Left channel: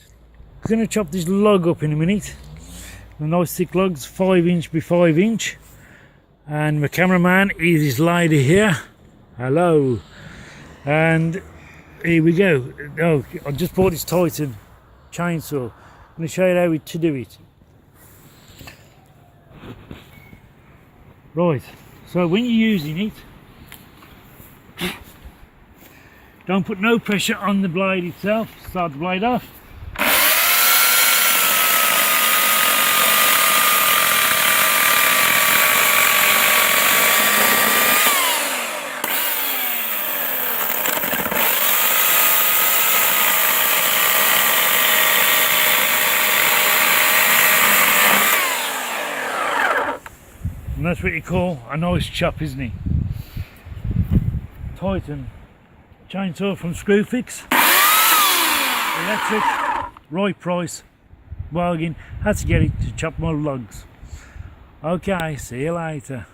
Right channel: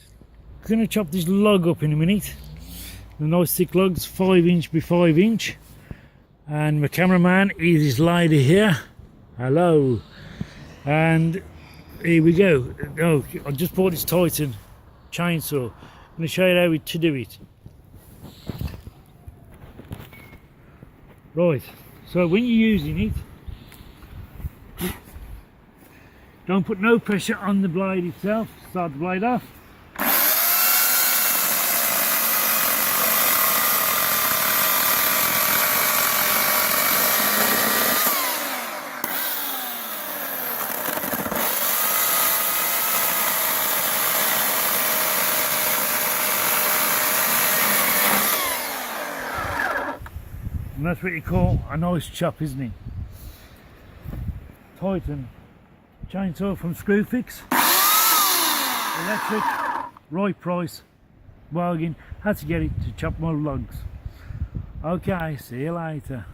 I'm going to chop this log up in a minute. The nice thick logs, 5 inch by 5 inch. And my cameraman is this lady here. Hello. And here we go. Oh, I just bought this Titan chainsaw. I'm going to show you how to do it. Right, so when you're using it, don't put no pressure on the blade itself. Start the blade off. And that's what you call a nice chop, isn't it? Titan chainsaw from Screwfix. Electric, right price, bargain. Had to get it to chop more logs. Okay, see you later.